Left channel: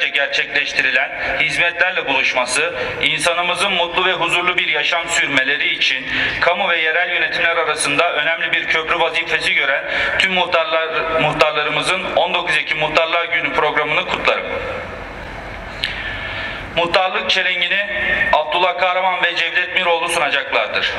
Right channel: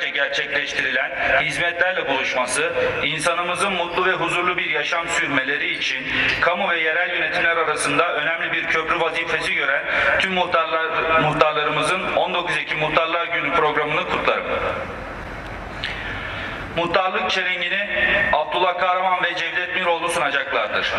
senelerce gerçekleştirilen hizmetlerle buluşması, insanımızın mutlu ve huzurlu bir yaşam sürmeleri için kamu ve yerel yönetimler arasında önemli bir köprü vazifesi gören tüm muhtarlar, muhtarlarımızın 19 Ekim Muhtarlar Günü programını kutlarım. Muhtarlık çelengini Abdullah Kahraman ve Cevdet Miroğlu sunacaklardır.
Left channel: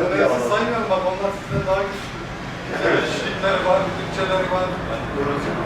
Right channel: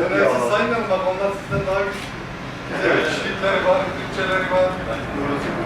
Öğrenci saymayın bak onlar sizden daha güçlü. Evet. Kişilikleri var, bütçeleri var. Aynen.